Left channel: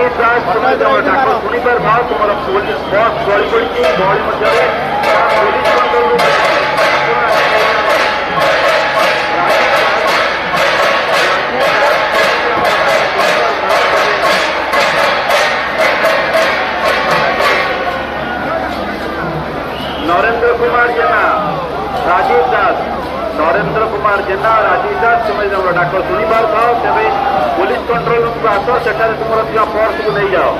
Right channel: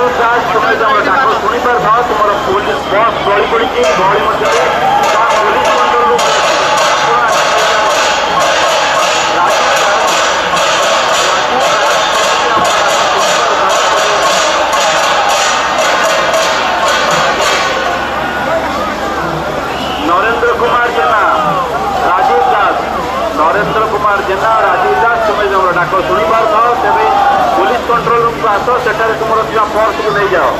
राजीव दास तुम्हें जो डाक शुणी पार तुम पुलिस बस गली पड़ी गहली मध्य नरेंद्र कुमार जेना राजीव दास नरेंद्र कुमार जेना राजीव दास तुम्हें जो डाक शुणी पार तेरे पुलिस कंट्रोल रूम को आस सेठारे तुम पर्स को नहीं जाओ।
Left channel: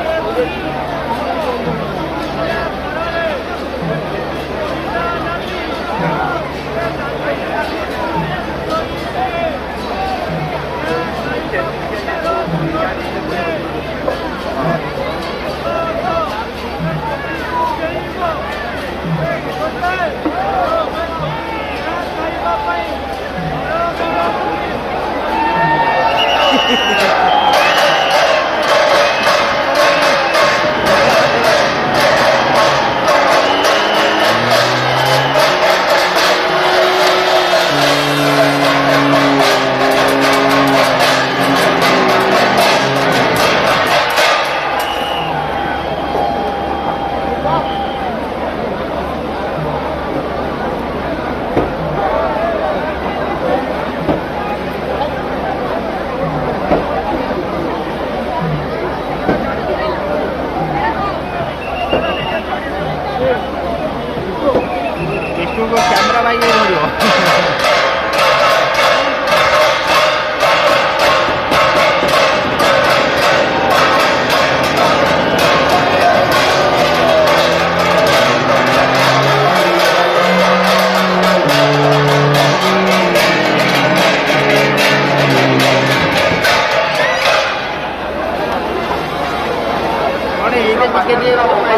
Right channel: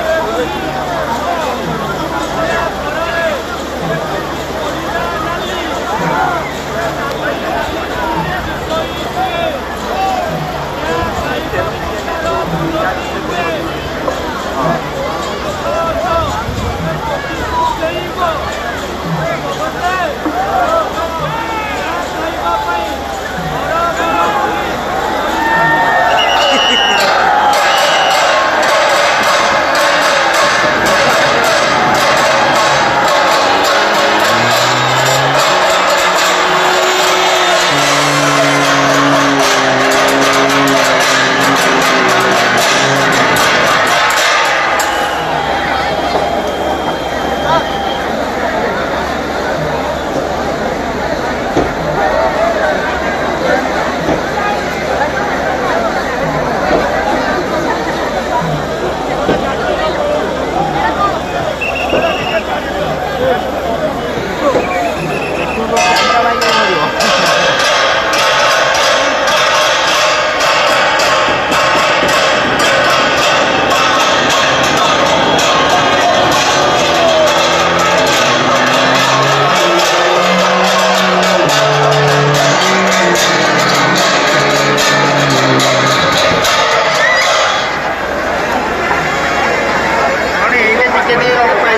ये